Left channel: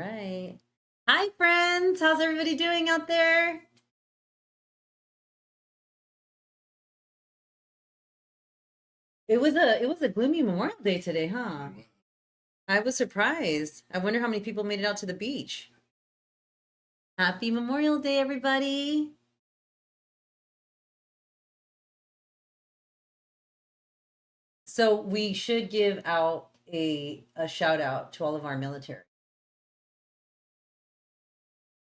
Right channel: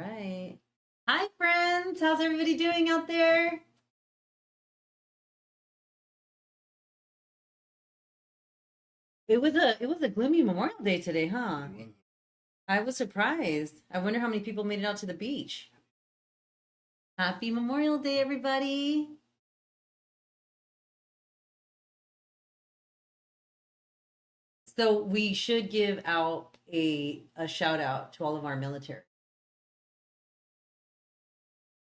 Right. Hi, friends. How's everybody doing out there? It was a gloomy Memorial Day today, huh? I was surprised. I wonder how many people made it out to the beach. Happy Memorial Day, everybody. So we should give out a shout out to all of our military.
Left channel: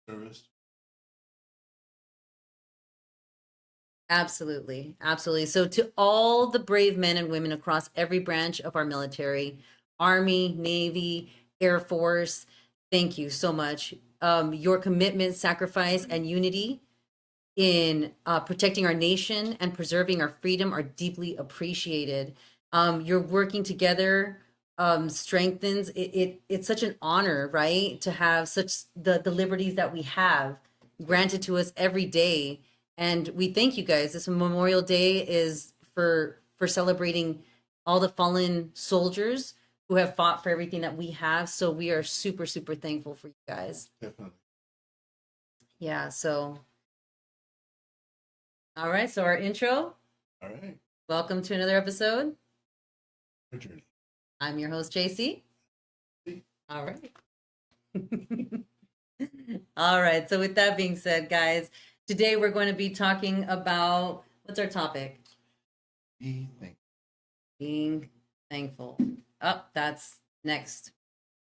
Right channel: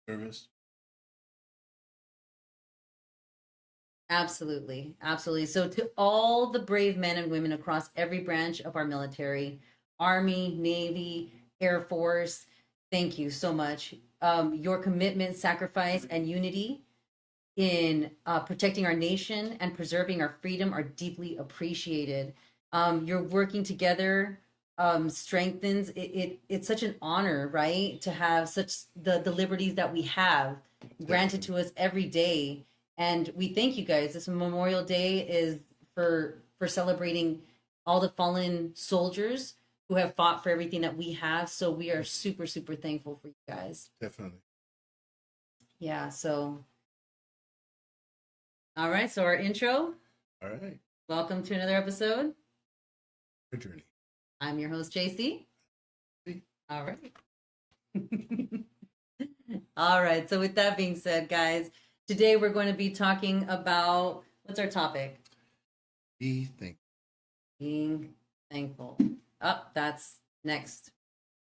Service. Absolutely. Absolutely. So, to all the brave men and women across every branch of our military, Army, Navy, Air Force, thank you so much. Your commitment, sacrifice, and unity in protecting our nation and preserving our freedom are deeply appreciated. Your working together strengthens it's such an honor, right, to have such the liberties that we have granted to us every day. And we thank you guys. This Memorial Day is for celebrating all the fallen soldiers who have fought for everything that we have. So we are super, super thankful for you guys. Definitely. Yeah. So, all right. So, our intro. All right. Welcome to another episode. Our journey. I'm your host, JC. All right. All right. So, with that being said, guys, today we're going to be talking about what's our topic? Be thankful. Being thankful. Oh, that's next.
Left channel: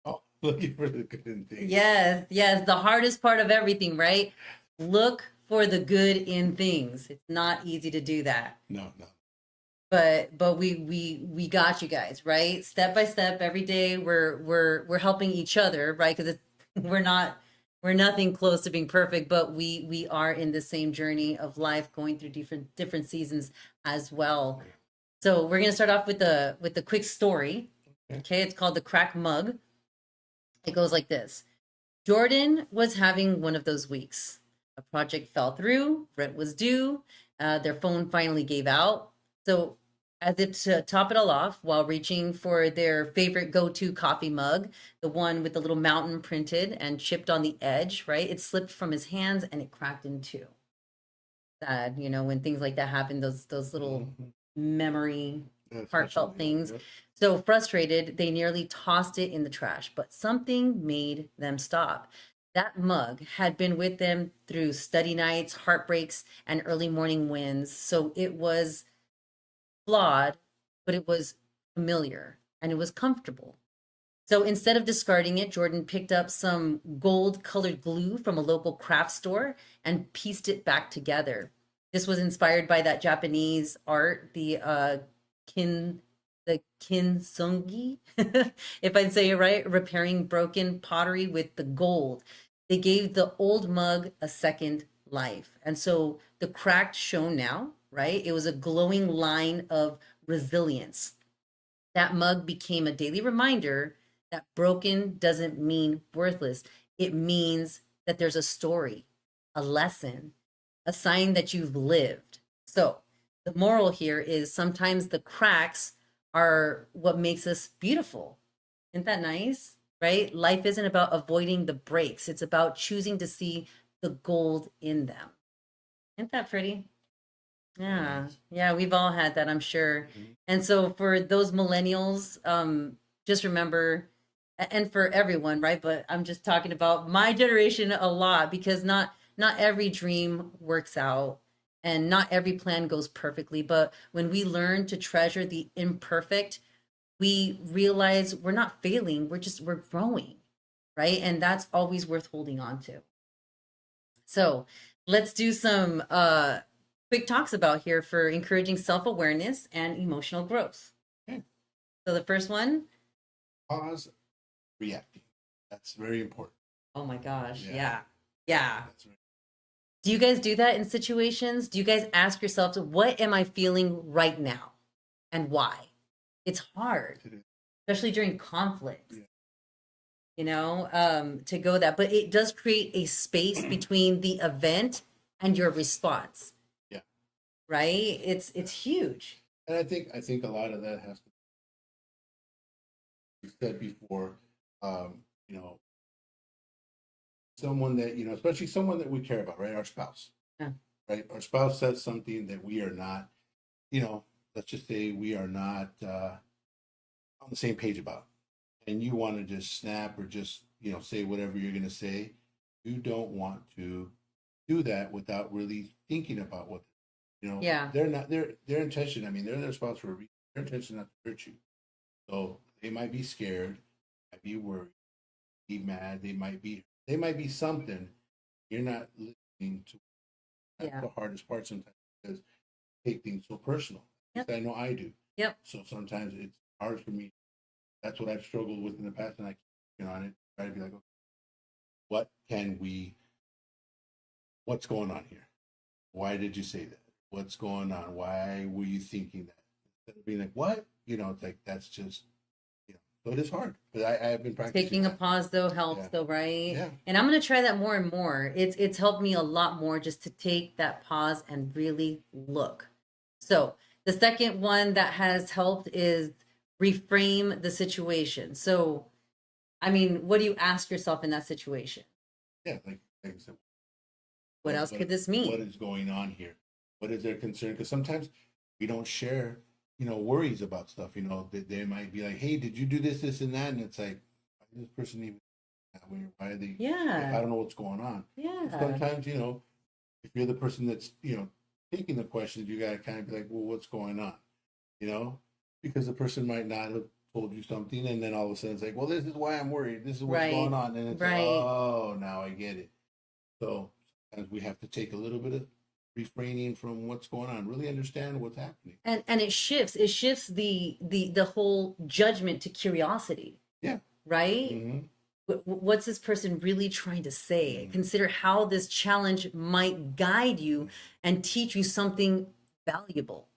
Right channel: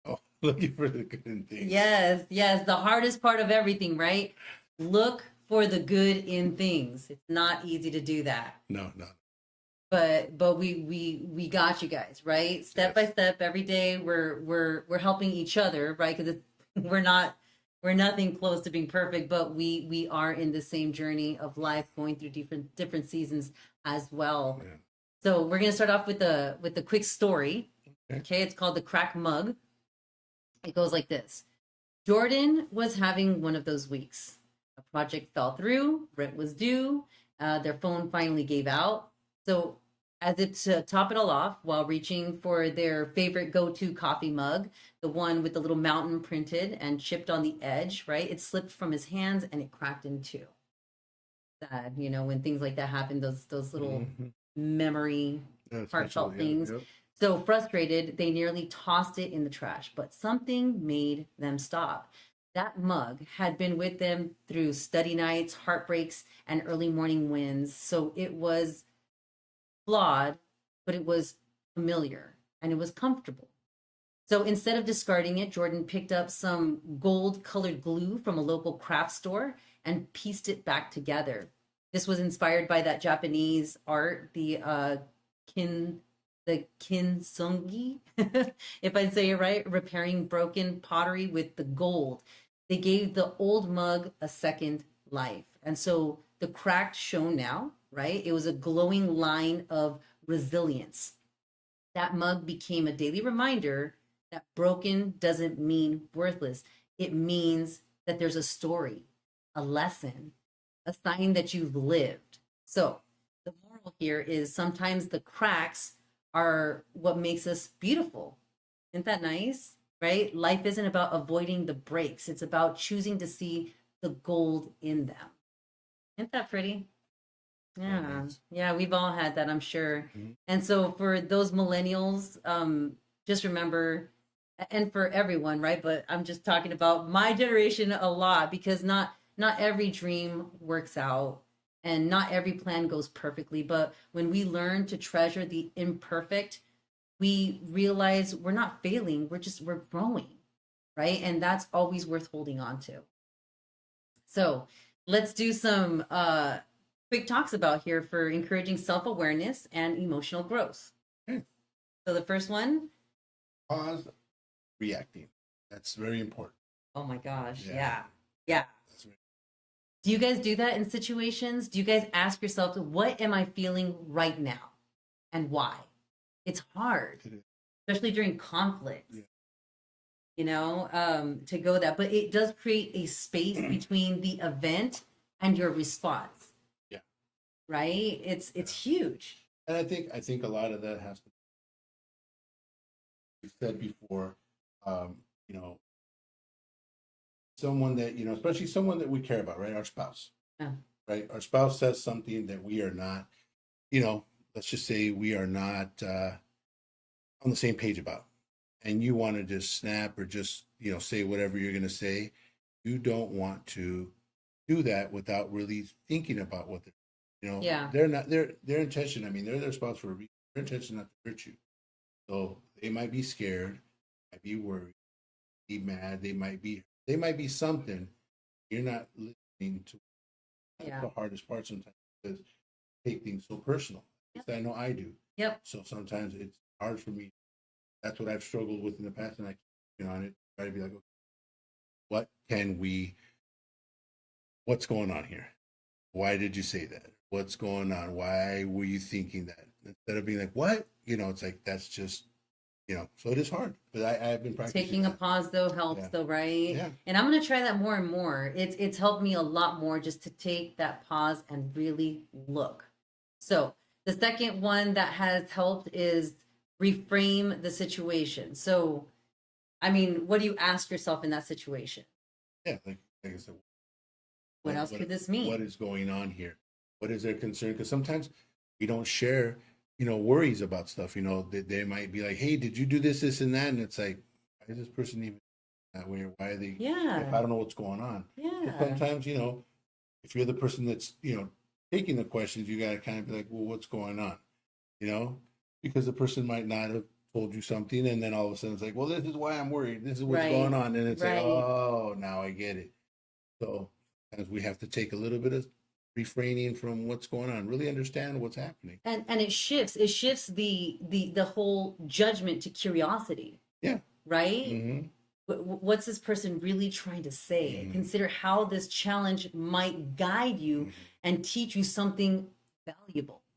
Oh, looking for the good in things. Yes, yes. The hardest part of everything, right? Look for the good in things. It's not easy to do that. No, no. But we got you guys, right? Step by step, every day we're helping each other, right? Because we're not we're nothing close to being perfect, but we are in the same journey of life, going through different seasons as well. Yeah. So we're gonna start off with the quick story. Okay. Okay, it's called the crack mug. It goes like this: Jordan was having one of those weeks. A project fell through, rent was due, their phone finally gave out. So, as if to top it all off, while reaching for their favorite go to coffee mug, the one with the little mountain printed and chipped on the edge, right? It slipped from his hands and it cracked in two. Sad, when things like that happen, those little memory, heartfelt things. Yep. So frustrated, they nearly tossed it in the trash, but something made them stop. That mug had been with them through study nights, heartbreaks, and early morning wins. So it was flawed, but it was familiar and it was comfortable. So instead of discarding it, Jordan picked up some gold colored glue from a local craft store and pieced it back together. This was inspired by that Japanese art, kin the kintsugi, if I say it right, repairing broken pottery with the gold. They gave the old mug a second life. And so the cracked shown now, right? It was a glowing line of resilience. That mug became a daily reminder that broken doesn't mean worthless. It means that there's a story, a lesson, a sign that you've lived. So, the moral here is sometimes the cracks are what makes us beautiful. Isn't that nice? Right? Life isn't about avoiding the breaks, it's about choosing to see the gold in them. Isn't that pretty? Yeah, yeah, we've all had that, I'm sure. Mm-hmm. And so for those millennials, just remember, and for everyone, right? But I'm just talking about my generation a lot because not every dream works out and not every plan goes perfectly. But when we learn to treasure the imperfect, we realize we're not failing, we're growing, right? And that's always worth holding on to. So let's do some quick talks about here for encouraging self awareness and emotional growth. Okay. So the first one, Pause reacting. That's very important. oh my gosh, Yeah. yeah. Yeah. That's right. Do you guys do that in situations? Do you guys ask yourselves, what am I feeling right now and why? It's hard, It is. especially during conflict, Yeah. to go that. But it does create a space between the event and your response. Yeah. Right? It's huge. And I think a lot of that has to be said before, um, you know, someone that, you know, especially someone that we care about, right? Our spouse, Yeah. right? Our spouse says something that we are not, you know, let's just say we are not on the same page about, and you want to just snap or just, you know, say whatever you're going to say. You don't want to do that without really thinking about what they're, you know, Yeah. they're not their intention. I mean, they're their spouse for a reason. Their intention not to hurt you. So they might be scared, might be worried, be mad. They might be something. You're not listening to. That's Yeah. the hardest part sometimes because I take things so personal. Yep. I know I do. Yep. So sometimes it's hard for me. That's what I've struggled with in the past, and I keep working on it. Try to be like, okay, what can we? What's going on here? Why did you say that? What's going on? Why were you thinking that? Instead of being like, what? You know, it's like that's just, you know. So it is hard, but I've been practicing. Taking a pause though helps Yeah. though, right? Yeah. And I'm gonna try that more and more. It's helped me a lot more just to take that pause and really look. So the second one that has helped is reframe the situation. So I mean, what do you ask yourself in that situation? Yeah, like I said, What else could this mean? what is going on here? What is their concern? Because sometimes we don't share, you know, worries about stuff. You know, they might be like, "Hey, did you do this, this, and that?" And it's like, why is this person even that way? Or why are they? I Yeah. don't know what's going on. So Yeah. sometimes, you know, if you're the person that's, you know, taking the questions, you got to kind of be like, "Well, what's going on?" You know, because the person might not have told you something, and then all of a sudden it's like, "Well, this is why I'm worried. This is what's Right. going on," and it's like, Right. "Oh, now I get it." So sometimes we have to take a little bit of refraining from what's going on, really understand what's happening. And it shifts the whole judgment to curiosity. Yeah. Right? Mm-hmm. What's this person really trying to say? Mhm. Consider how this challenge might guide you Mhm. and teach you something valuable.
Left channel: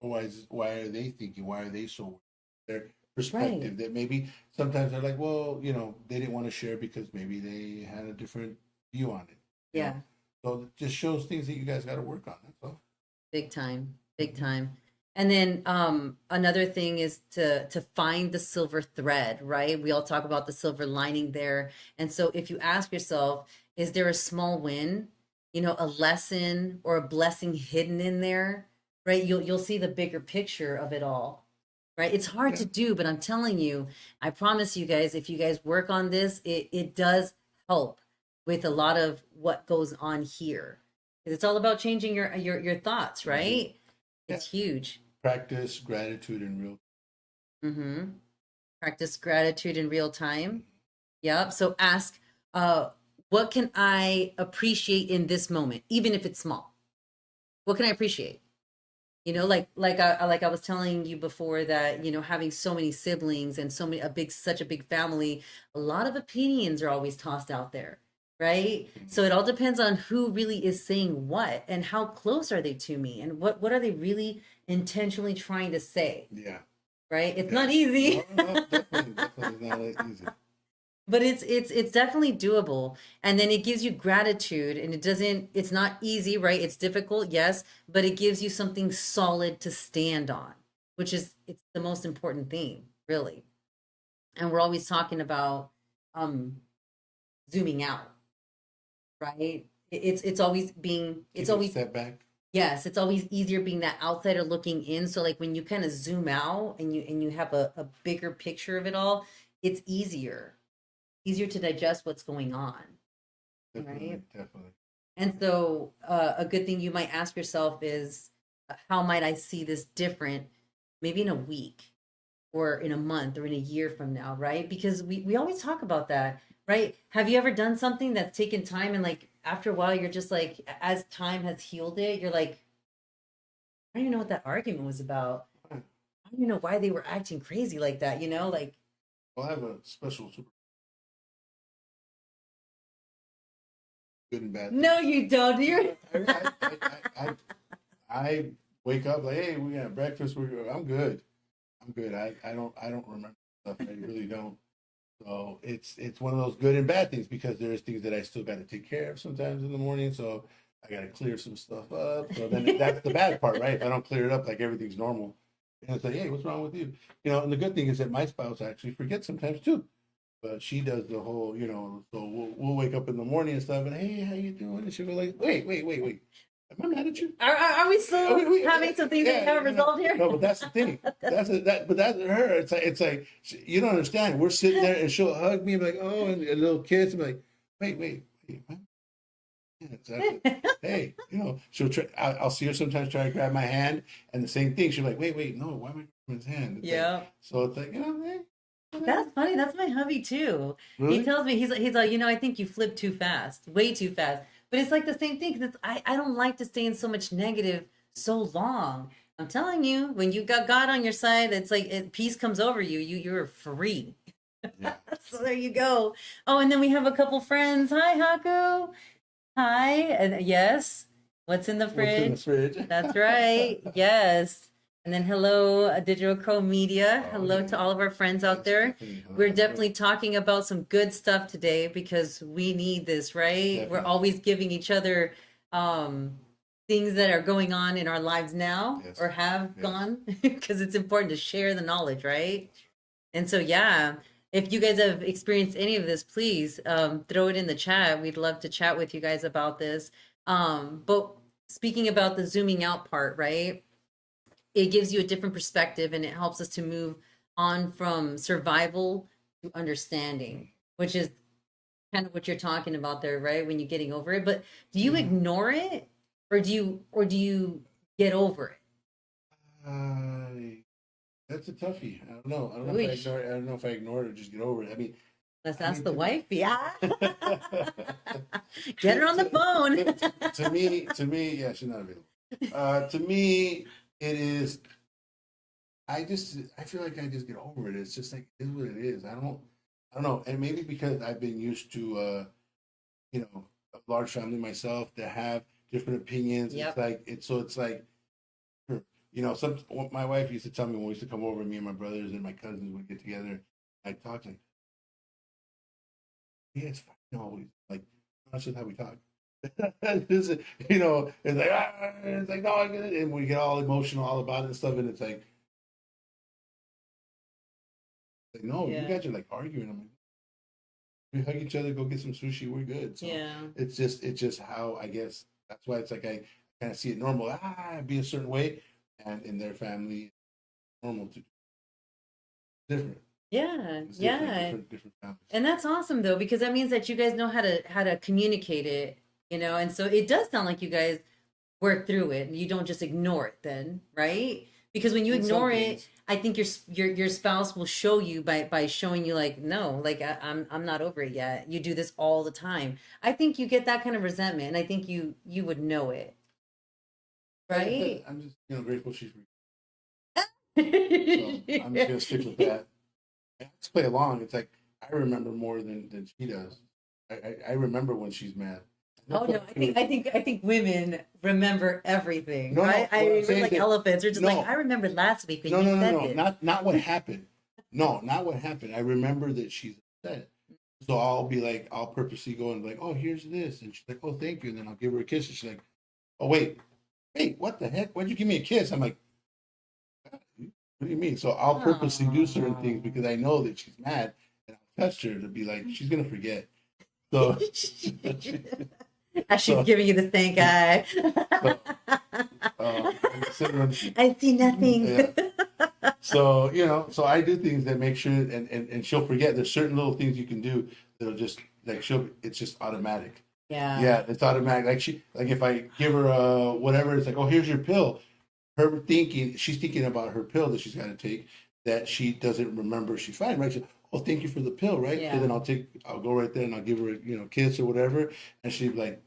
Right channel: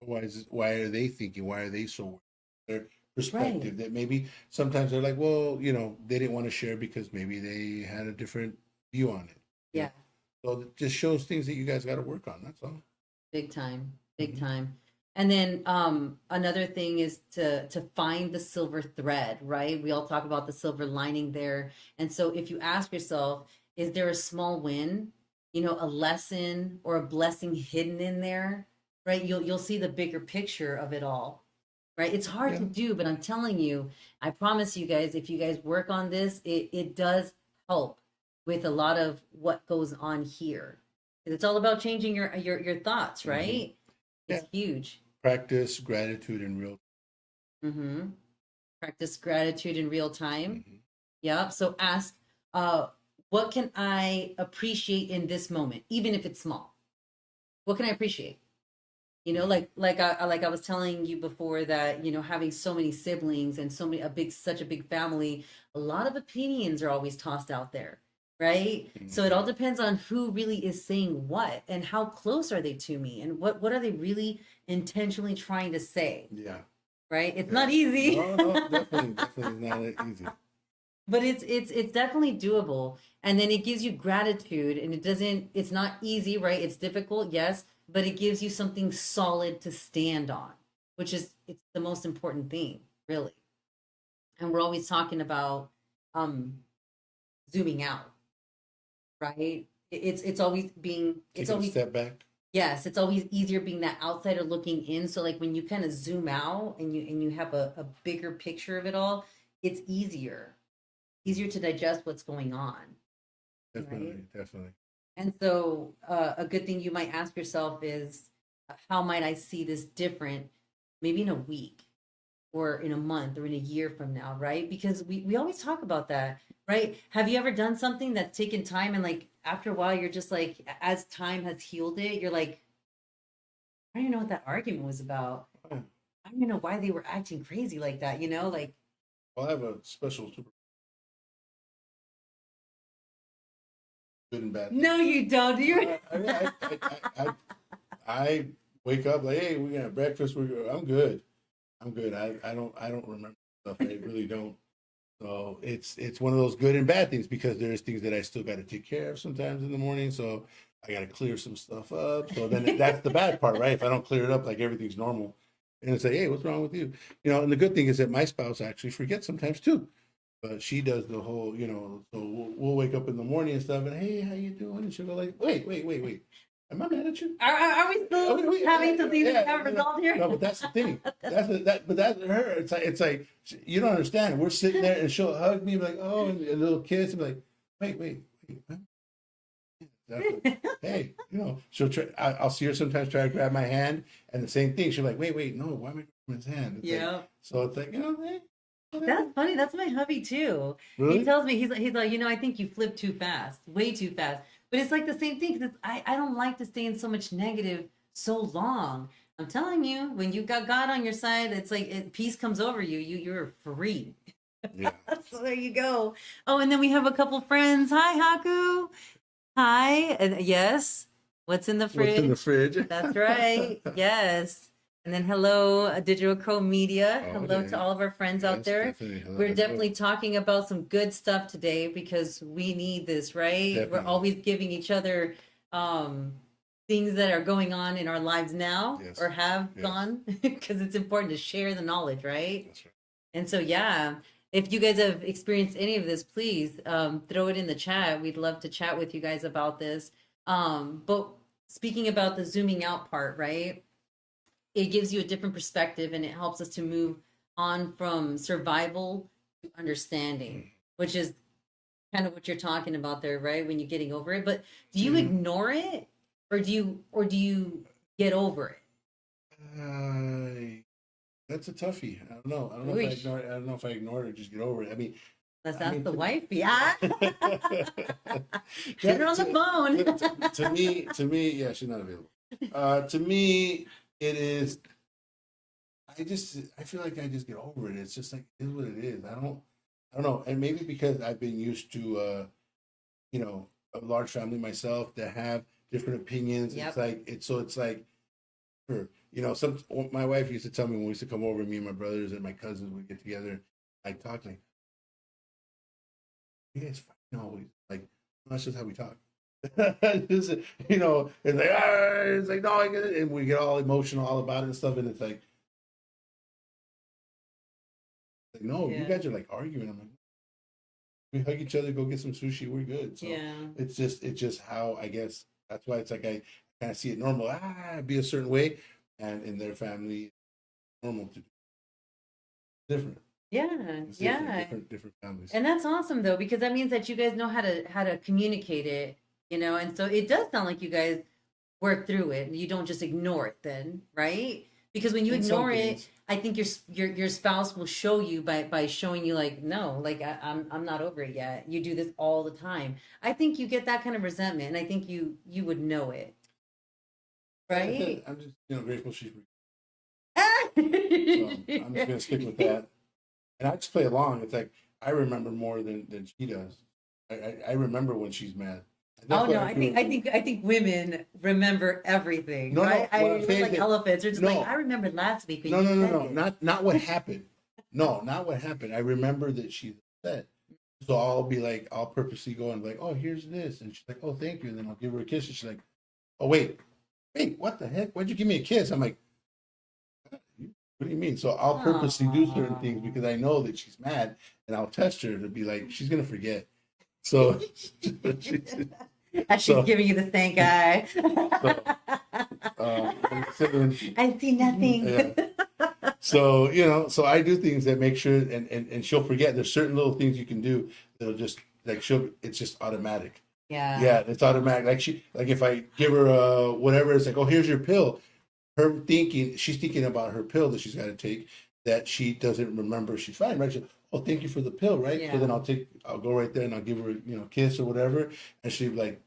Why are they thinking? Why are they so? Their perspective that maybe sometimes they're like, well, you know, they didn't want to share because maybe they had a different view on it. you Yeah. know? So it just shows things that you guys got to work on. That's all. Big time. Big Mhm. time. And then another thing is to find the silver thread, right? We all talk about the silver lining there. And so if you ask yourself, is there a small win, you know, a lesson or a blessing hidden in there, right? You'll see the bigger picture of it all. Right? It's hard to Yeah. do, but I'm telling you, I promise you guys, if you guys work on this, it does help with a lot of what goes on here. It's all about changing your thoughts, Mhm. right? Yeah. It's huge. Practice gratitude in real. Mm-hmm. Practice gratitude in real time. Mhm. Yep. So ask, uh, what can I appreciate in this moment, even if it's small? What can I appreciate? You know, like I was telling you before that, you know, having so many siblings and so many such a big family, a lot of opinions are always tossed out there, right? So it all depends on who really is saying what and how close are they to me and what are they really intentionally trying to say, Yeah. right? It's Yeah. not easy. No, definitely not easy. But it's definitely doable, and then it gives you gratitude, and it's not easy, right? It's difficult, yes, but it gives you something solid to stand on, which is it's the most important thing, really. And we're always talking about um zooming out, right? It's always being it's Taking a always step back. yes, it's always easier being that outsider looking in. So like when you kind of zoom out and you have a bigger picture of it all, it's easier to digest what's going on, Definitely, right? definitely. And so, a good thing you might ask yourself is, how might I see this different, maybe in a week or in a month or in a year from now, right? Because we always talk about that, right? Have you ever done something that's taken time and like after a while, you're just like, as time has healed it, you're like, I don't even know what that argument was about. Oh, I don't even know why they were acting crazy like that, you know? Like, well, I have a special super good and bad. no, you don't. You're I wake up like, hey, we got breakfast. I'm good. I'm good. I don't remember stuff. I really don't. So it's one of those good and bad things because there's things that I still got to take care of sometimes in the morning. So I got to clear some stuff up. So then that's the bad part, right? If I don't clear it up, like everything's normal, and it's like, hey, what's wrong with you? You know, and the good thing is that my spouse actually forgets sometimes too. But she does the whole, so we'll wake up in the morning and stuff, and hey, how you doing? And she'll go like, wait, am I mad at you? Are we still having some things that we haven't resolved here? No, but that's the thing. But that's her. It's like you don't understand. We're sitting there, and she'll hug me like, oh, and a little kiss, and be like, wait, what? Yeah, exactly. Hey, she'll try. I'll see her sometimes try to grab my hand, and the same thing. She'll be like, wait, no, why am I grabbing his hand? Yeah. So it's like, hey, That's funny. That's my hubby too. really? He tells me he's like, I think you flip too fast, way too fast. But it's like the same thing because I don't like to stay in so much negative so long. I'm telling you, when you got God on your side, it's like peace comes over you. You're free. Yeah. So there you go. Oh, and then we have a couple friends. Hi, Haku. Hi. Yes. What's in the fridge? What's in the fridge? That's right. Yes. And then hello, Digital Co Media. Oh, Hello yeah. to all of our friends out Yes, there. definitely. Hello, We're hello. definitely talking about some good stuff today because we need this, right? We're Definitely. always giving each other things that are going on in our lives now Yes. or have Yes. gone because it's important to share the knowledge, right? That's right. And so, yeah, if you guys have experienced any of this, please throw it in the chat. We'd love to chat with you guys about this. But speaking about the zooming out part, right? It gives you a different perspective and it helps us to move on from survival to understanding, which is kind of what you're talking about there, right? When you're getting over it. But do you Mhm. ignore it or do you get over it? That's a toughie. I don't know. I don't know if I Ooish. ignore it. I don't know if I ignore it or just get over it. I mean, Let's I ask mean, the to- wife. Yeah. Get her on the phone. to me, yeah, she's not available. To me, it is. I feel like I just get over it. It's just like it is what it is. I don't know. And maybe because I've been used to, a large family myself that have different opinions. Yep. It's like, sure. My wife used to tell me when we used to come over, me and my brothers and my cousins would get together, like talk like, yeah, it's fine always. Like, that's just how we talk. It's like, no, I get it. And we get all emotional, all about it and stuff. And it's like no, you Yeah. guys are like arguing. I'm like, we hug each other, go get some sushi, we're good. So Yeah. it's just how I guess that's why it's like I kind of see it normal. Be a certain way, and in their family, normal to different. Yeah. It's Yeah. different families. And that's awesome though, because that means that you guys know how to communicate it, and so it does sound like you guys work through it and you don't just ignore it then, right? Because when you In some ignore it, things. I think your spouse will show you by showing you like, no, like I'm not over it yet. You do this all the time. I think you get that kind of resentment, and I think you would know it, right? I'm just grateful she's. So I'm just gonna stick with that. And I just play along. It's like I remember more than she does. I remember when she's mad. And that's Oh what no, I think women remember everything, No, no, right? what I'm We're saying like that- elephants. They're just no. like, I remembered last week when No, you no, no, said no, this. not what happened. No, not what happened. I remember that she's upset. So I'll be like, I'll purposely go and be like, oh, here's this, and she's like, oh, thank you, and then I'll give her a kiss, and she's like, oh, wait, what the heck? Why'd you give me a kiss? I'm like, what do you mean? So I'll purposely do certain things Aw. because I know that she's mad, and I'll test her to be like, she's gonna forget. So I should So- give you the stink eye. considering I see nothing. Yeah. So I do things that make sure, and she'll forget. There's certain little things you can do that'll just like it's just automatic. Yeah, it's automatic. Like if I give her whatever, it's like, oh, here's your pill. She's thinking about her pill that she's got to take that she doesn't remember. She's fine, right? She, oh, thank you for the pill, right? Yeah. So then I'll go right there and I'll give her a kiss or whatever, and she'll be like,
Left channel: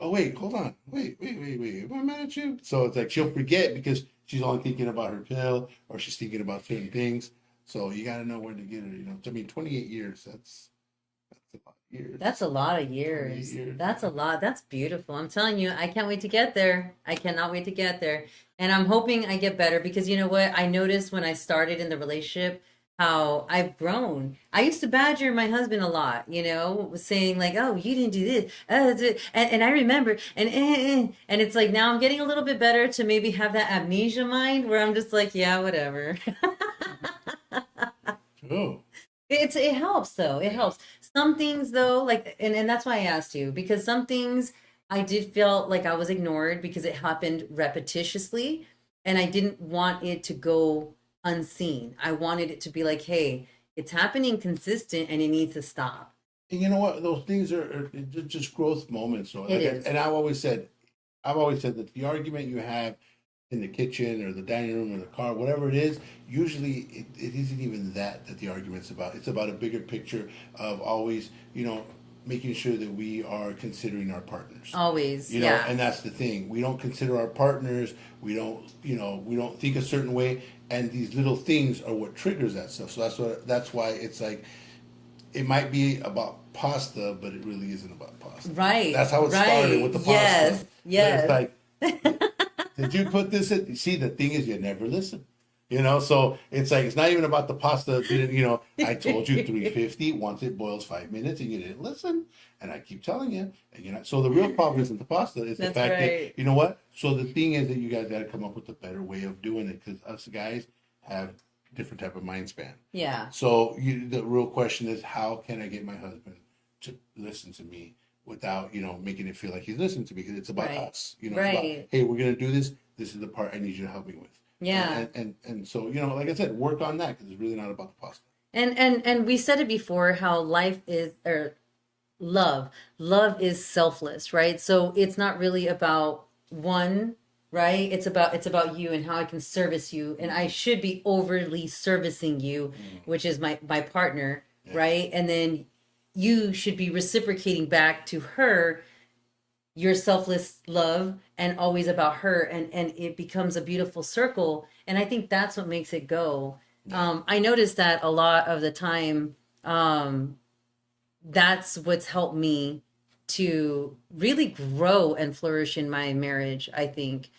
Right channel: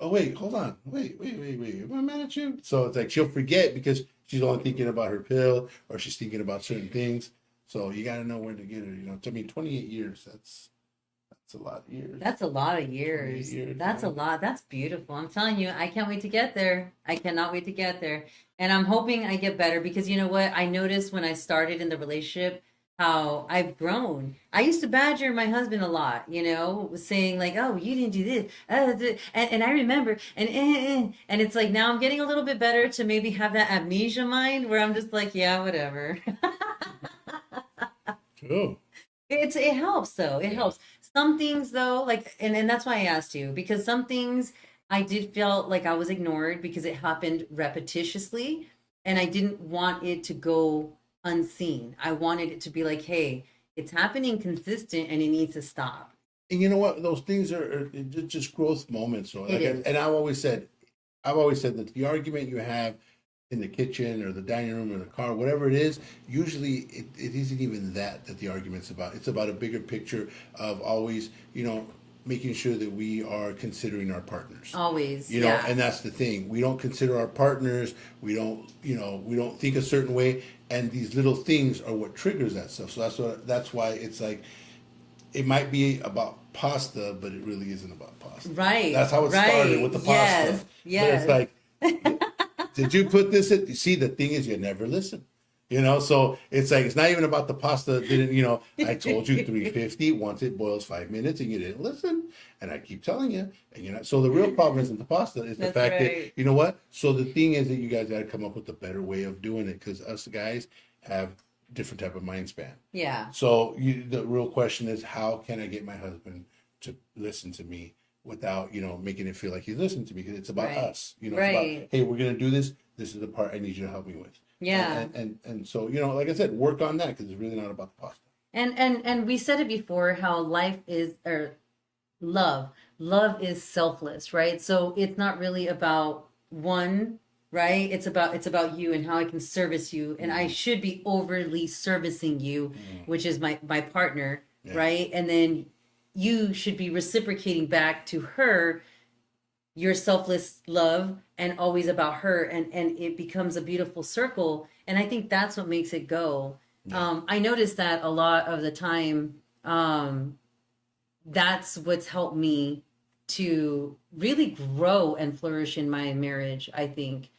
oh wait, hold on, wait, am I mad at you? So it's like she'll forget because she's only thinking about her pill or she's thinking about certain things. So you got to know where to get her. I mean, 28 years. That's a lot of years. That's a lot of years. 28 years, That's a yeah. lot. That's beautiful. I'm telling you, I can't wait to get there. I cannot wait to get there. And I'm hoping I get better because you know what? I noticed when I started in the relationship how I've grown. I used to badger my husband a lot, saying like, "Oh, you didn't do this," and I remember, and it's like now I'm getting a little bit better to maybe have that amnesia mind where I'm just like, yeah, whatever. Oh, it helps though. It helps. Some things though, like and that's why I asked you, because some things I did feel like I was ignored because it happened repetitiously and I didn't want it to go unseen. I wanted it to be like, hey, it's happening consistent and it needs to stop. And you know what? Those things are just growth moments. So, It is. and I've always said that the argument you have in the kitchen or the dining room or the car, whatever it is, usually it isn't even that the argument's about. It's about a bigger picture of always, making sure that we are considering our partners. Always. You know, Yeah. and that's the thing. We don't consider our partners. We don't think a certain way, and these little things are what triggers that stuff. So that's why it's like it might be about pasta, but it really isn't about pasta. Right. That's how it right. started with the pasta. Yes. Yes. But it's like, did you put this in? You see, the thing is, you never listen. So it's like it's not even about the pasta. I told you 350 once it boils 5 minutes, and you didn't listen. And I keep telling you, and so the real problem isn't the pasta; it's the That's fact right. that you know what. So the thing is that you guys got to come up with a better way of doing it because us guys have different type of mind span. Yeah. So the real question is, how can I get my husband to listen to me without making it feel like he's listening to me? Because it's about Right. us. It's Right. about, hey, we're gonna do this. This is the part I need you to help me with. Yeah. And so like I said, work on that because it's really not about the pasta. And we said it before how life is or love is selfless, right? So it's not really about one, right? It's about you and how I can service you and I should be overly servicing you, which is my partner, Yeah. right? And then you should be reciprocating back to her your selfless love and always about her and it becomes a beautiful circle and I think that's what makes it go. I noticed that a lot of the time. That's what's helped me to really grow and flourish in my marriage. I think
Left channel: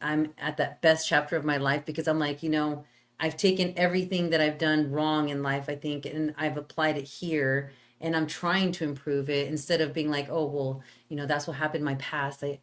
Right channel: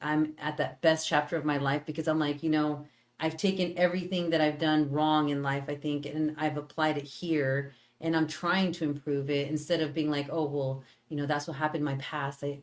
I'm at that best chapter of my life because I'm like, I've taken everything that I've done wrong in life, I think, and I've applied it here and I'm trying to improve it instead of being like, oh, well, that's what happened in my past. I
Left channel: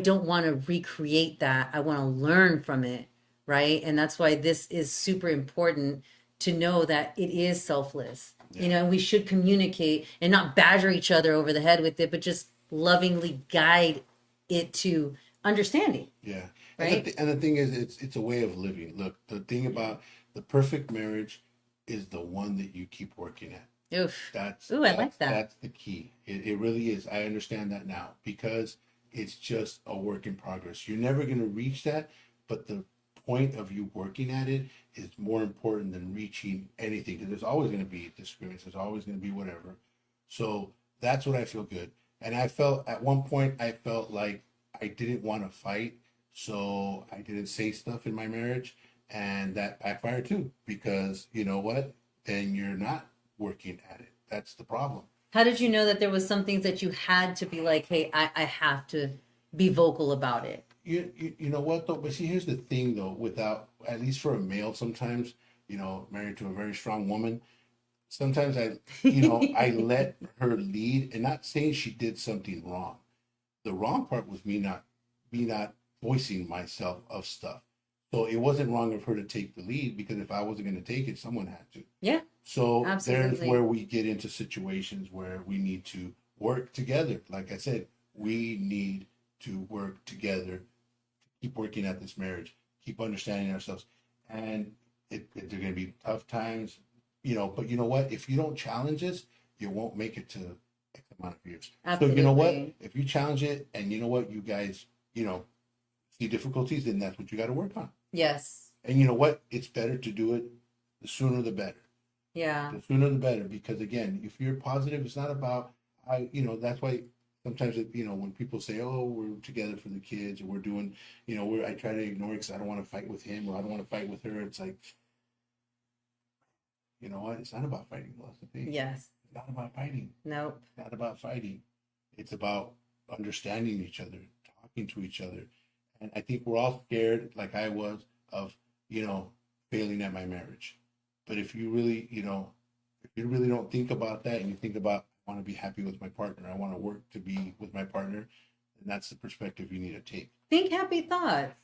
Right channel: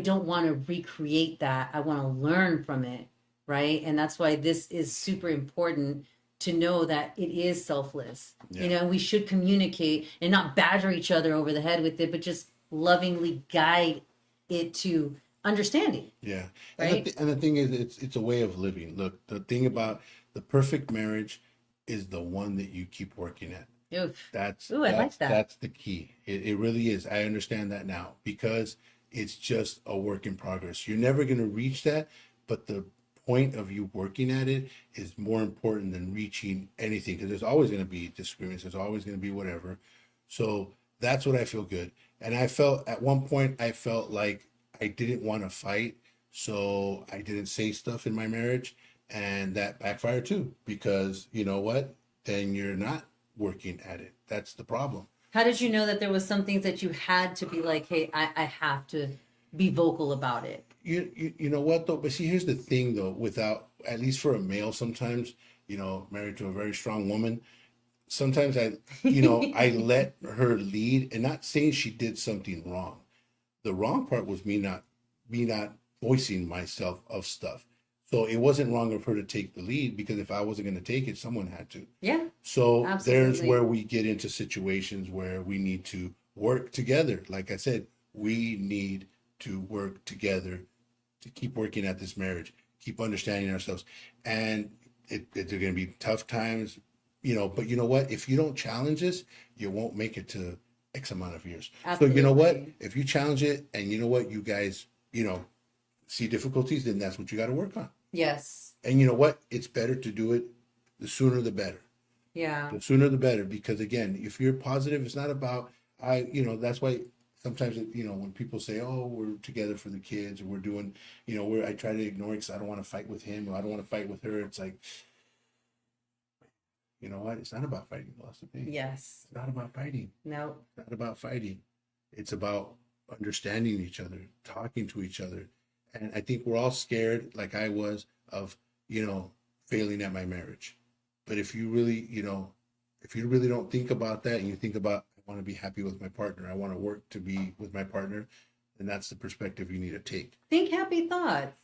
don't want to recreate that. I want to learn from it. Right. And that's why this is super important to know that it is selfless. Yeah. We should communicate and not badger each other over the head with it, but just lovingly guide it to understanding. Yeah. Right. And the thing is, it's a way of living. Look, the thing about the perfect marriage is the one that you keep working at. Oof. That's I like that. That's the key. It really is. I understand that now because it's just a work in progress. You're never going to reach that, but the point of you working at it is more important than reaching anything because there's always going to be disagreements. There's always going to be whatever. So that's what I feel good. And I felt at one point, I felt like I didn't want to fight. So I didn't say stuff in my marriage. And that backfired too because you know what? Then you're not working at it. That's the problem. How did you know that there was some things that you had to be like, hey, I have to be vocal about it? You know what though? But see, here's the thing though. Without at least for a male, sometimes married to a very strong woman, sometimes I let her lead, and not saying she did something wrong. The wrong part was me not voicing myself of stuff. So it wasn't wrong of her to take the lead because if I wasn't going to take it, someone had to. Yeah. So there's Absolutely. where we get into situations where we need to work together. Like I said, we need to work together to keep working at this marriage, keep understanding ourselves. And there are going to be tough times, but you know what? If you don't challenge this, you won't make it to X amount of years. So you know what? Absolutely. If you challenge it and you know what, you guys, see difficulties, then that's what you got to work on. Yes. And you know what? It's better to do it the sooner the better. Yeah. The sooner the better. Because again, if you're positive, it's not about that's why sometimes when people say, "Oh, we're together for the kids," or we're doing, I try to ignore it because I don't want to fight with him or I don't want to fight with her. It's like, you know what? It's not about fighting. That's the thing. Yes. It's not about fighting. Nope. It's not about fighting. It's about understanding each other, talking to each other. And I think we're all scared, like I was, of, failing at my marriage. But if you really, don't think about that and you think about, I want to be happy with my partner, I want to work to be with my partner, then that's the perspective you need to take. Think happy thoughts.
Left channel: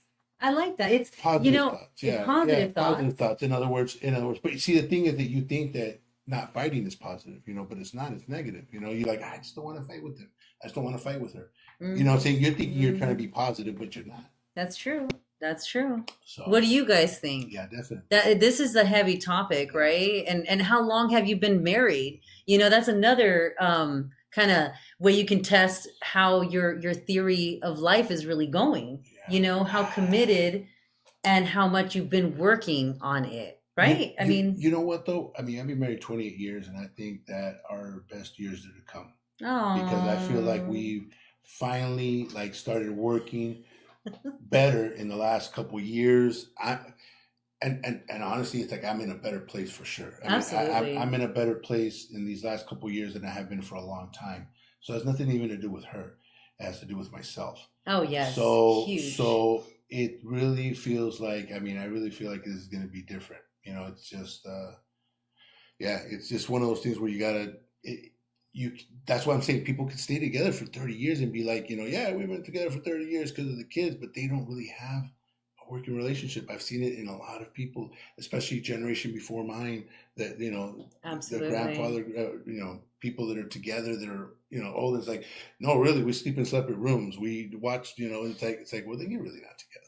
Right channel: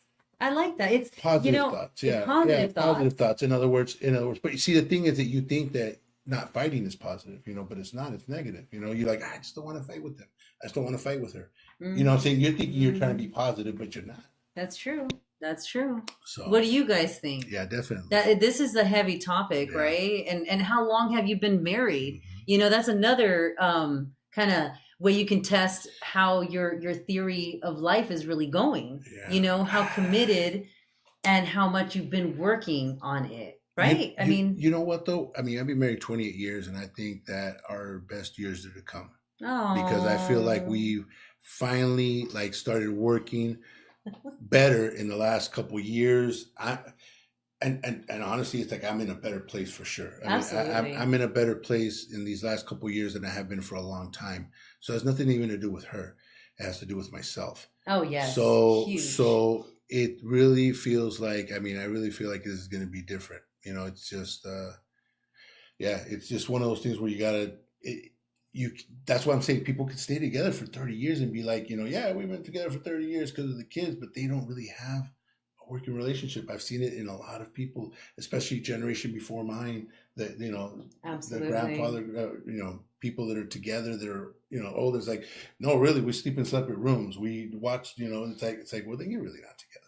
I like that. It's Positive thoughts. Yeah. positive thoughts. Positive thoughts. In other words, but you see, the thing is that you think that not fighting is positive, but it's not, it's negative. You're like, I just don't want to fight with them. I just don't want to fight with her. You know what I'm saying? You're thinking you're trying to be positive, but you're not. That's true. That's true. So, What do you guys think? yeah, definitely. That this is a heavy topic, Yeah. right? And how long have you been married? Mhm. That's another kind of way you can test how your theory of life is really going. Yeah. How committed and how much you've been working on it, right? I You, mean, you know what though? I mean, I've been married 28 years, and I think that our best years are to come because I feel like oh, we've finally like started working better in the last couple years. And honestly, it's like I'm in a better place for sure. I mean, absolutely. I'm in a better place in these last couple years than I have been for a long time. So it has nothing even to do with her. It has to do with myself. Oh, yes. Huge. So it really feels like, I mean, I really feel like this is going to be different. It's just, yeah, it's just one of those things where you gotta, you. That's why I'm saying people could stay together for 30 years and be like, yeah, we've been together for 30 years because of the kids, but they don't really have a working relationship. I've seen it in a lot of people, especially generation before mine, that the Absolutely. grandfather, people that are together that are old. It's like, no, really, we sleep in separate rooms. We watch, and it's like, well, then you're really not together.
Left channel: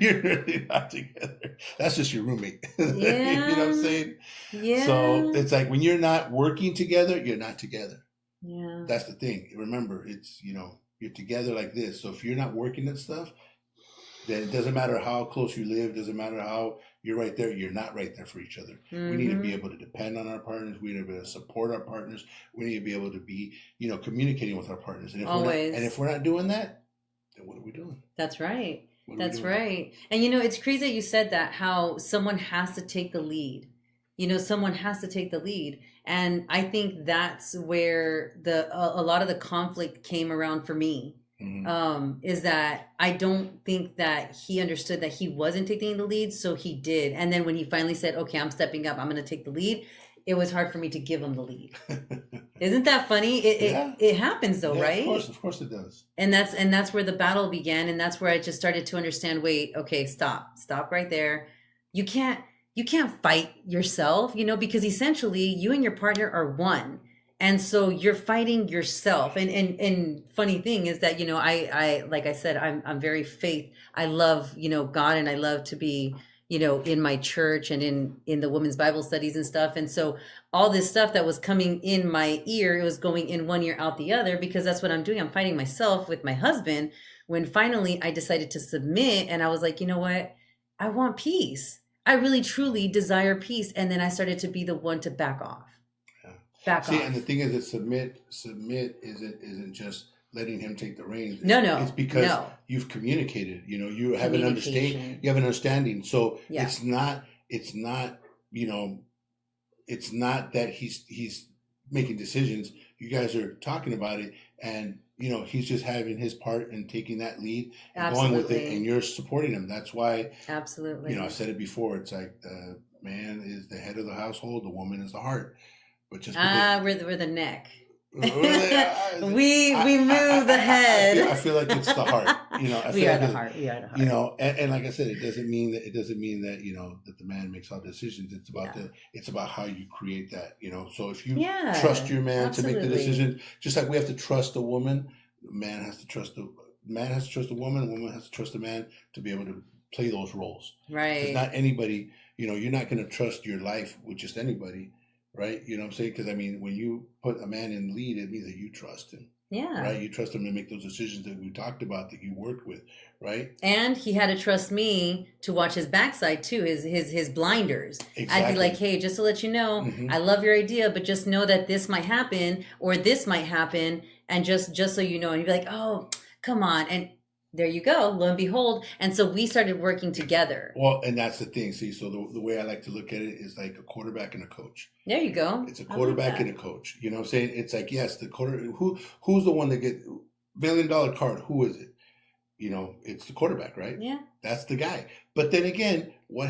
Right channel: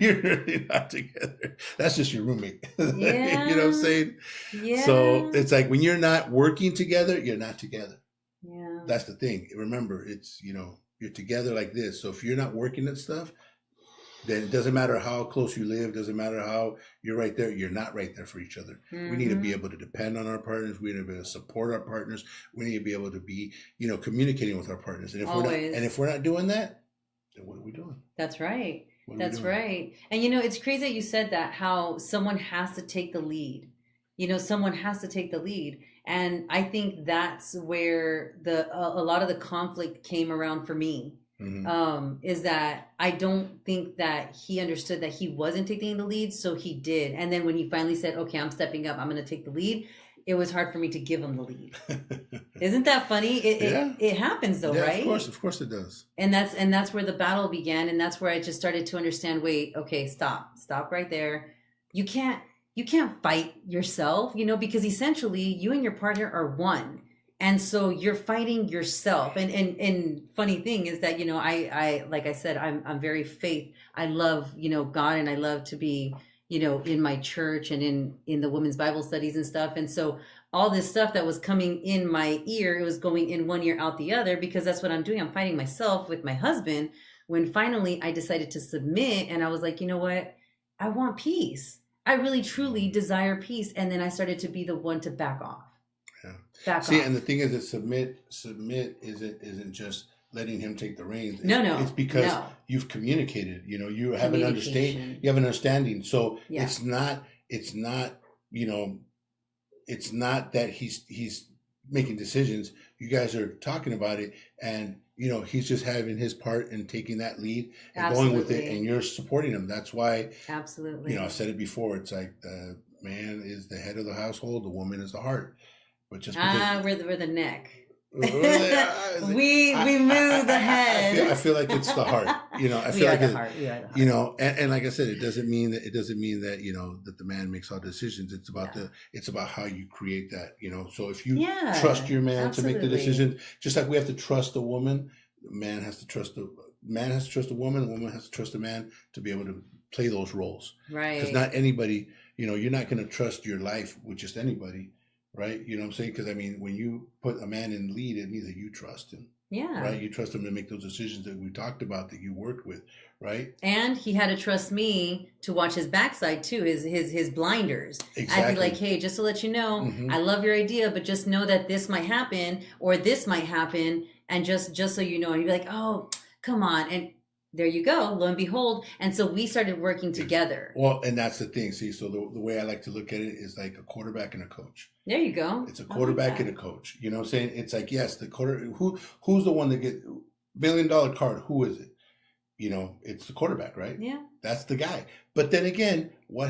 You're really not together. That's just your roommate. You know what I'm Yeah. saying? So Yeah. it's like when you're not working together, you're not together. Yeah. That's the thing. Remember, it's, you're together like this. So if you're not working at stuff, then it doesn't matter how close you live, doesn't matter how you're right there, you're not right there for each other. We need to be Mm-hmm. able to depend on our partners. We need to be able to support our partners. We need to be able to be, communicating with our partners. And Always. if we're not doing that, then what are we doing? That's right. What are we That's doing? right. And it's crazy that you said that, how someone has to take the lead. Someone has to take the lead. And I think that's where a lot of the conflict came around for me. Mm-hmm. Is that I don't think that he understood that he wasn't taking the lead, so he did. And then when he finally said, "Okay, I'm stepping up. I'm going to take the lead," it was hard for me to give him the lead. Isn't that funny? It Yeah. it, it happens though, Yeah, right? of course it does. And that's where the battle began, and that's where I just started to understand, wait, okay, stop right there. You can't you can't fight yourself, because essentially you and your partner are one, and so you're fighting yourself. And funny thing is that, I like I said, I'm very faith. I love, God, and I love to be, in my church and in the women's Bible studies and stuff. And so all this stuff that was coming in my ear, it was going in one ear out the other, because that's what I'm doing. I'm fighting myself with my husband. When finally I decided to submit, and I was like, you know what? I want peace. I really truly desire peace. And then I started to be the one to back off. Yeah. Back See, and the off. thing is that submit isn't just letting him take the reins. No, It's no, because no. you've communicated. You have an understand. Communication. You have an understanding. So Yeah, it's not you know it's not that he's making decisions. You guys are talking about it, and he's just having his part and taking that lead and going with it, and absolutely. you're supporting him. That's why I've Absolutely. said it before. It's like the man is the head of the household, the woman is the heart. But just because Ah, we're the neck. really, we move the I head. feel like it's the heart. I We feel are like the it, heart. We are the heart. and like I said, it doesn't mean that that the man makes all decisions. Yeah. It's about how you create that. So if you trust Yeah, your man to make the absolutely. decision, just like we have to trust a woman, the man has to trust the man has to trust a woman, the woman has to trust a man to be able to play those roles. Because Right. not anybody, you're not going to trust your life with just anybody, right? You know what I'm saying? Because I mean, when you put a man in lead, it means that you trust him, Yeah. right? You trust him to make those decisions that we talked about that you worked with, right? And he had to trust me to watch his backside too, his blinders. I'd be like, Exactly. hey, just to let you know, Hmm. I love your idea, but just know that this might happen or this might happen, and just so you know. And you'd be like, oh, come on, and there you go, lo and behold. And so we started working together. Well, and that's the thing. See, so the way I like to look at it is like a quarterback and a coach. There you go. It's a I like quarterback and that. a coach. You know what I'm saying? It's like, yes, the who's the one that get $1 billion card? Who is it? It's the quarterback, right? Yeah. That's the guy. But then again, what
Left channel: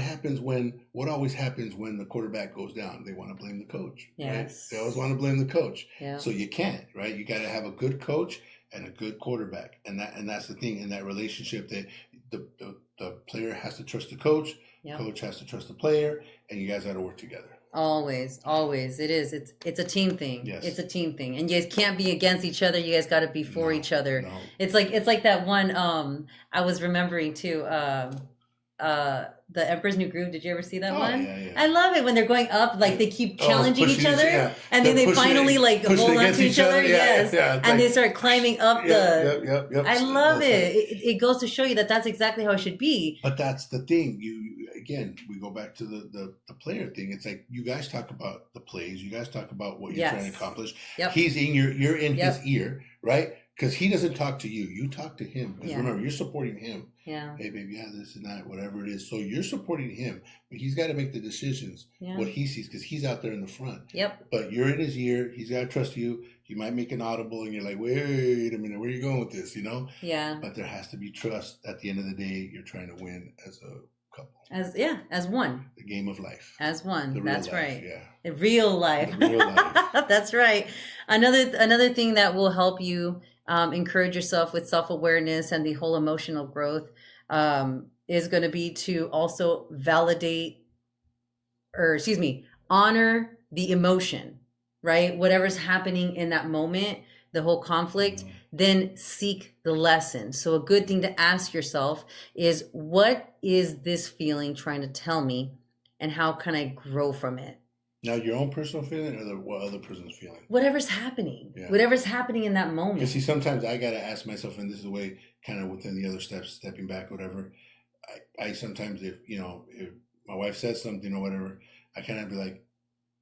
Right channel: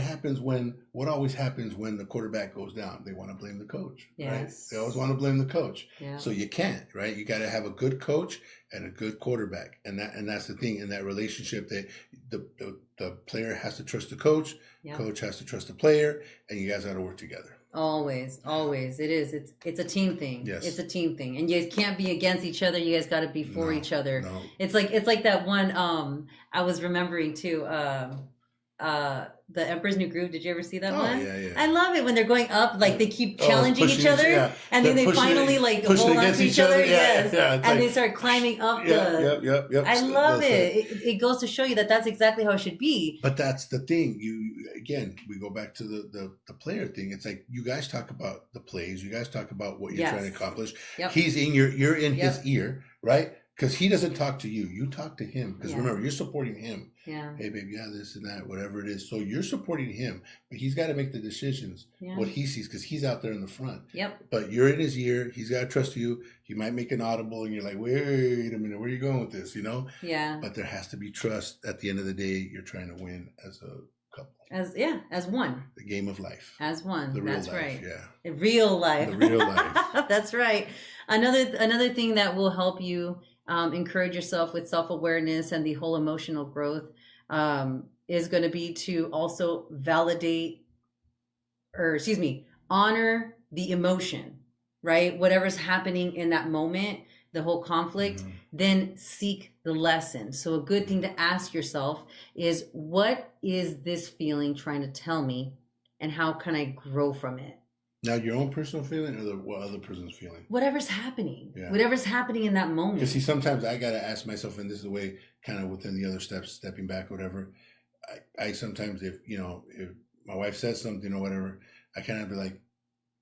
always happens when the quarterback goes down? They want to blame the coach, right? They always Yes. want to blame the coach. Yeah. So you can't, right? You got to have a good coach and a good quarterback. And that's the thing in that relationship, that the player has to trust the coach, Yeah. coach has to trust the player, and you guys got to work together. Always. It is. It's a team thing. Yes. It's a team thing. And you guys can't be against each other. You guys got to be for No, each other. no. It's like that one I was remembering too the Emperor's New Groove. Did you ever see that Oh, one? yeah, yeah. I love it when they're going up, like they keep challenging pushing each other, yeah. and then They're they pushing finally it- like pushing hold on against to each other. Yeah, Yes, yeah, it's and they like- start climbing up Yep. I love it. It goes to show you that that's exactly how it should be. But that's the thing. You again, we go back to the player thing. It's like you guys talk about the plays. You guys talk about what you're trying to Yes. accomplish. Yep. He's in you're in Yep. his ear, right? Because he doesn't talk to you. You talk to him. Because Yeah. remember, you're supporting him. Yeah. Hey, baby, yeah, this and that, whatever it is. So you're supporting him, but he's got to make the decisions Yeah. what he sees because he's out there in the front. Yep. But you're in his ear. He's got to trust you. He might make an audible, and you're like, wait a minute, where are you going with this? You know. Yeah. But there has to be trust. At the end of the day, you're trying to win as a couple. As one. The game of life. As one. The real That's life, right. Yeah. The real life. The real life. That's right. Another thing that will help you encourage yourself with self-awareness and the whole emotional growth is going to be to also validate or honor the emotion, right? Whatever's happening in that moment, the whole conflict, Mhm. then seek the lesson. So a good thing to ask yourself is, what is this feeling trying to tell me, and how can I grow from it? Now, your own personal feeling or what other person's feeling? Whatever's happening, Yeah. whatever's happening in that moment. Because see, sometimes I got to ask myself, and this is the way kind of within the other steps, stepping back, whatever. I sometimes, if my wife says something or whatever, I kind of be like,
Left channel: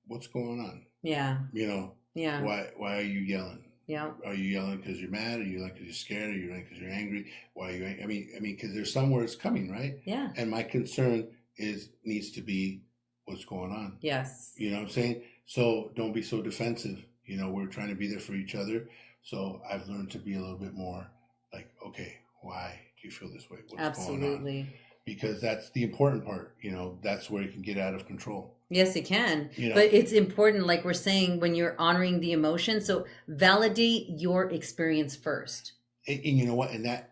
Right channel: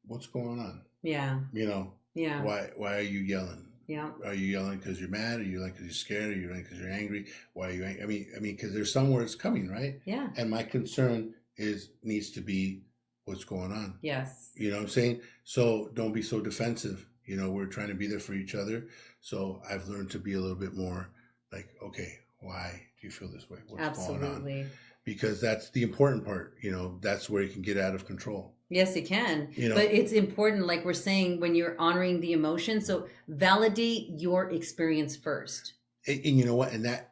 what's going on? Yeah. Yeah. Why are you yelling? Yeah. Are you yelling because you're mad? Are you yelling because you're scared? Are you yelling because you're angry? Why are you angry? I mean, because there's somewhere it's coming, right? Yeah. And my concern needs to be what's going on. Yes. You know what I'm saying? So don't be so defensive. We're trying to be there for each other. So I've learned to be a little bit more like, okay, why do you feel this way? What's going on? Absolutely. Because that's the important part. That's where you can get out of control. Yes, it can. You know. But it's important, like we're saying, when you're honoring the emotion. So validate your experience first. And you know what? And that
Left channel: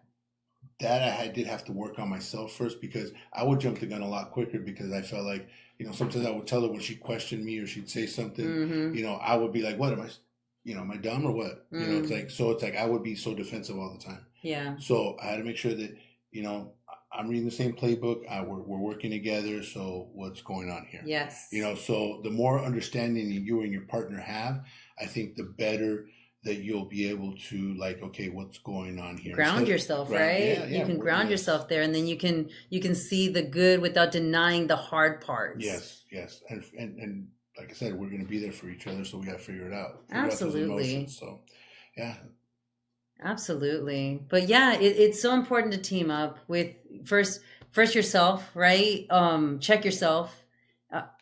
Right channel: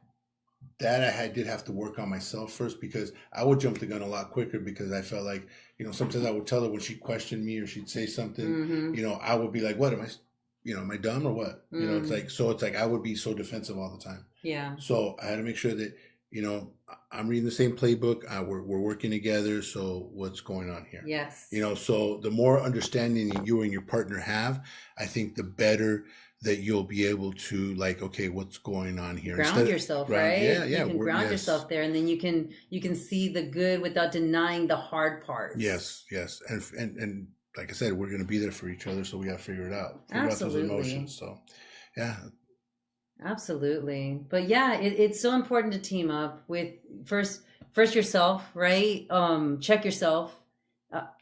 I did have to work on myself first, because I would jump the gun a lot quicker, because I felt like, sometimes I would tell her when she questioned me or she'd say something, Mm-hmm. I would be like, what am I dumb or what? It's like I would be so defensive all the time. Yeah. So I had to make sure that, I'm reading the same playbook. We're working together. So what's going on here? Yes. So the more understanding you and your partner have, I think the better that you'll be able to, like, okay, what's going on here? Ground yourself, right? Yeah, you can ground yourself there, and then you can see the good without denying the hard parts. Yes. And like I said, we're going to be there for each other, so we got to figure it out. Figure out those Absolutely. emotions. So, yeah. Absolutely. But yeah, it's so important to team up with first yourself, right? Check yourself,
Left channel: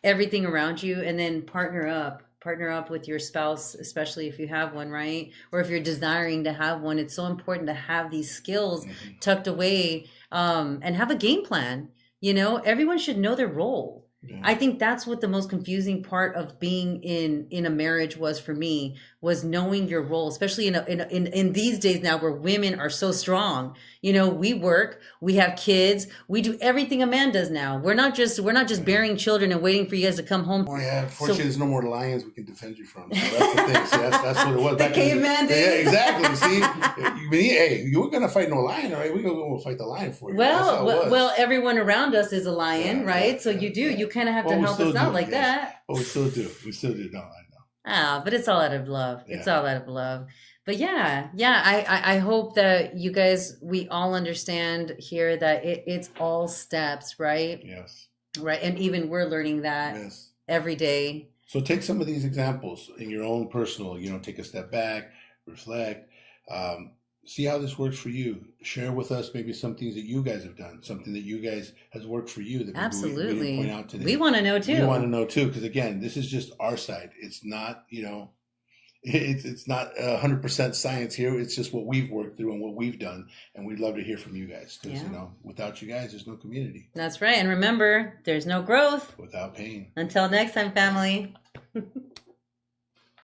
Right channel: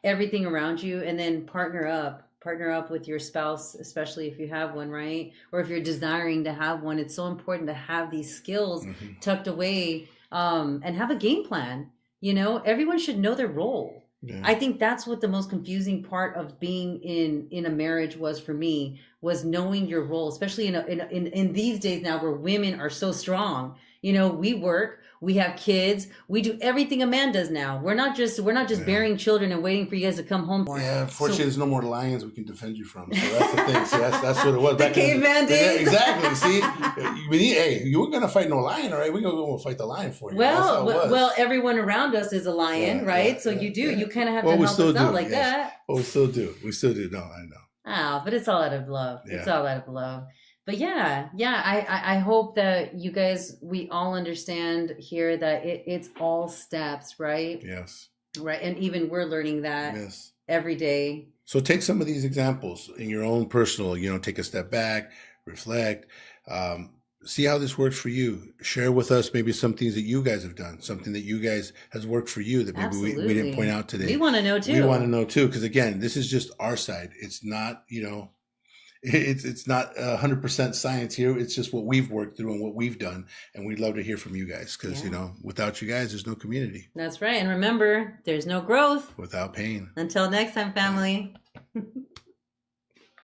everything around you, and then partner up with your spouse, especially if you have one, right? Or if you're desiring to have one. It's so important to have these skills Mhm. tucked away, and have a game plan. Everyone should know their role. Yeah. I think that's what the most confusing part of being in a marriage was for me, was knowing your role, especially in these days now where women are so strong. We work, we have kids, we do everything a man does now. We're not just Yeah. bearing children and waiting for you guys to come home. Yeah, unfortunately, there's no more lions we can defend you from. So that's the thing. See, that's what it was. The back in caveman Yeah, days. exactly. See, hey, you weren't gonna fight no lion, all right? We gonna go fight the lion for you. That's how it was. Well, everyone around us is a lion, Yeah, right? yeah, So yeah, you yeah. kind of have Well, to we help still us out do, like yes. that. Oh, we still do. No, I know. But it's all out of love. It's Yeah. all out of love. But yeah, I hope that you guys, we all understand here that it's all steps, right? Yes. Right. And even we're learning that Yes. every day. So take some of these examples in your own personal, take a step back, reflect, see how this works for you. Share with us maybe some things that you guys have done, something that you guys has worked for you that maybe we Absolutely. didn't point out today. We want to know too. We want to know too, because again, this is just our side. It's not, it's not 100% science here. It's just what we've worked through and what we've done, and we'd love to hear from you guys, because Yeah. without you guys, there's no community. That's right. And remember, there's no growth. Without pain. Until next time, family.